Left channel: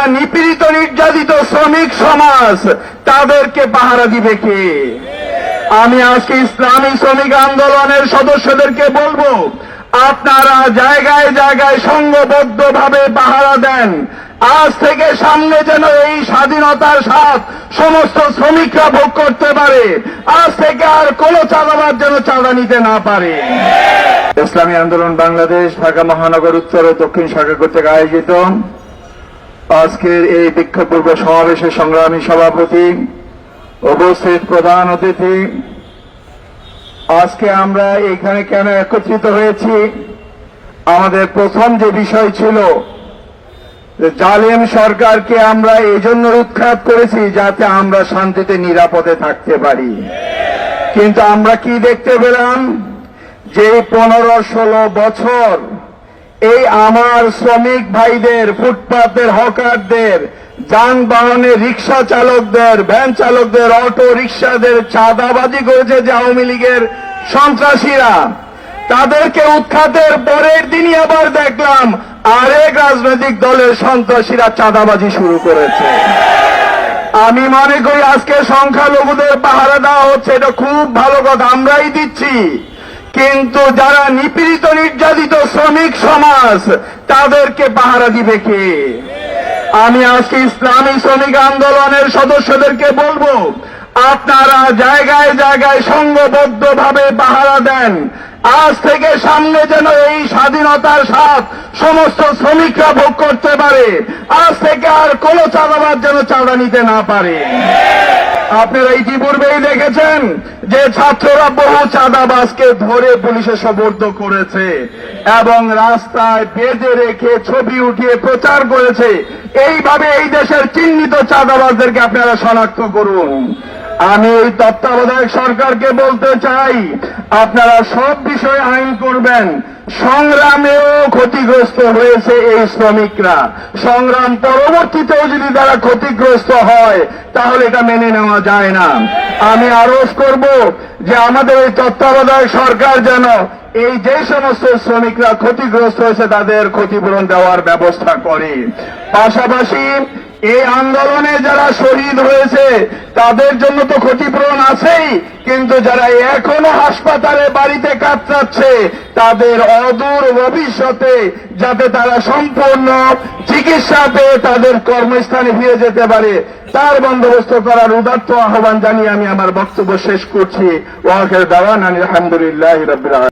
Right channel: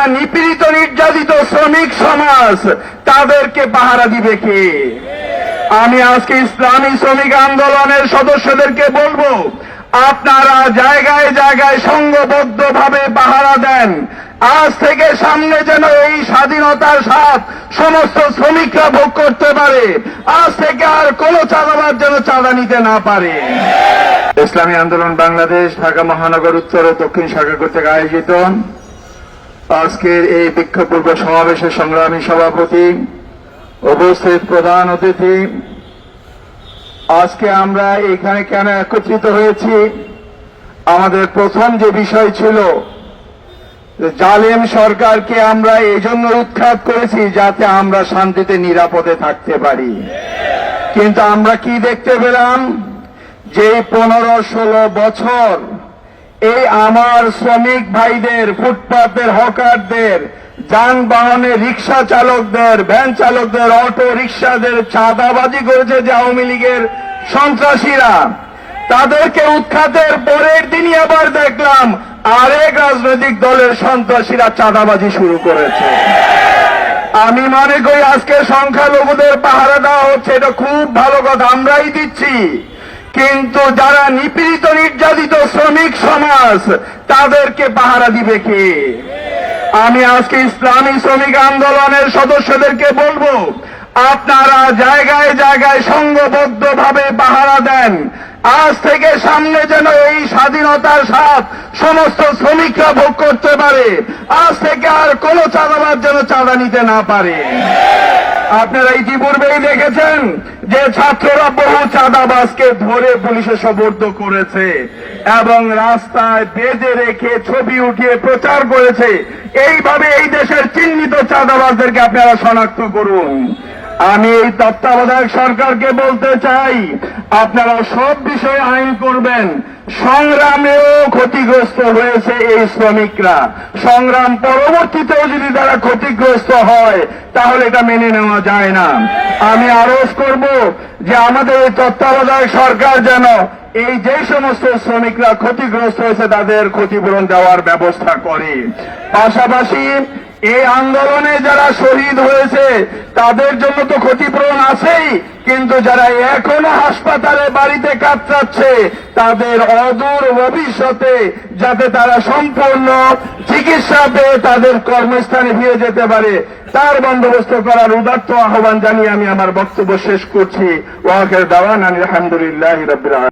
যারা নিপীড়িত নির্যাতিত শ্রমিক সমাজ তাদেরকে পাহারা দিবে কে? আমি আজকে ইসলামী শ্রমিক আন্দোলনের সদস্যদেরকে বলবো, আপনারা জায়গায় জায়গায় সংঘবদ্ধভাবে পাহারা দেন। আজ থেকে সামনে যেন এই স্বাধীনতার স্বাদ সমস্ত শ্রমিকরা ভোগ করতে পারে। আজ থেকে আর কোন চাঁদাবাজ যেন চাঁদা নিতে না পারে। ইসলামী আন্দোলন বাংলাদেশ ঢাকা মহানগর উত্তর ও দক্ষিণ শাখা কর্তৃক আয়োজিত আজকের এই বিক্ষোভ পূর্ব সমাবেশের সংগ্রামী সভাপতি, উপস্থিত প্রধান অতিথি, আজকে আমরা এখানে কেন একত্রিত হয়েছি? আমাদের প্রথম যে বিষয় ছিল, জালেম সরকারকে আমরা এই জন্য উৎখাত করেছি যাতে আমরা শান্তিতে নিরাপদে থাকতে পারি। কিন্তু আমরা কি দেখতে পেলাম? যে 15-16 বছর এই আমার শ্রমিক ভাইদের, ফুটপাতের হকারদের, যানবাহনের রিক্সা চালকদের, ভ্যান চালকদের, অটো রিক্সাদের চাঁদাবাজি করেছে যে আওয়ামী লীগের সন্ত্রাসীরা। তাদেরকে উৎখাতের পরের দিনই আবার দেখলাম আরেক রাজনৈতিক দলের সন্ত্রাসীরা চাঁদাবাজি শুরু করেছে। আমি মনে করি আজকে সংখ্যালঘুদের পাহারা দেওয়া হচ্ছে, এটা খুব ভালো কথা, আমরাই দিচ্ছি। কিন্তু যারা নিপীড়িত নির্যাতিত শ্রমিক সমাজ তাদেরকে পাহারা দিবে কে? আমি আজকে ইসলামী শ্রমিক আন্দোলনের সদস্যদেরকে বলবো, আপনারা জায়গায় জায়গায় সংঘবদ্ধভাবে পাহারা দেন। আজ থেকে সামনে যেন এই স্বাধীনতার স্বাদ সমস্ত শ্রমিকরা ভোগ করতে পারে। আজ থেকে আর কোন চাঁদাবাজ যেন চাঁদা নিতে না পারে। আপনারা ইতিপূর্বেই দেখেছেন যে ছাত্ররা বহু চাঁদাবাজকে ধরে পুলিশে সোপর্দ করেছে এবং রাস্তায় বেঁধে রেখে ছবি উঠিয়ে প্রচার করেছে। এইভাবে এই দেশের চিহ্নিত চাঁদাবাজদেরকে আপনারা শনাক্ত করুন। আমি এই তত্ত্বাবধায়ক সরকারকে বলতে চাই, আপনারা সব বিষয়ে আইন করবেন। সংগ্রামেও ক্ষতিগ্রস্ত হয়েছে এই শ্রমিকরা, সংগ্রাম পরবর্তীতেও যদি তারা ক্ষতিগ্রস্ত হয় তাহলে এটা মেনে নেওয়া যায় না। আমি আরোপ করব যে আমাদের এই তত্ত্বাবধায়ক সরকার যেন এই যে সমস্ত শ্রমিকরা ক্ষতিগ্রস্ত হয়েছে তাদের ক্ষতিপূরণ দেওয়ার ব্যবস্থা করে। পাশাপাশি এই আন্দোলনে যারা শহীদ হয়েছে তাদের জন্য তো ক্ষতিপূরণ আছেই, কিন্তু যারা এখনো হাসপাতালে বাড়িতে কাতরাচ্ছে তাদের অদূর ভবিষ্যতে যাতে তারা সম্পূর্ণ চিকিৎসা পেয়ে তাদের কর্মস্থানে ফিরে যেতে পারে তার বন্দোবস্ত করার উদাত্ত আহ্বান জানিয়ে আমি আমার বক্তব্য শেষ করছি। ওয়া আখিরু দাওয়ানা আলহামদুলিল্লাহি রাব্বিল আলামিন।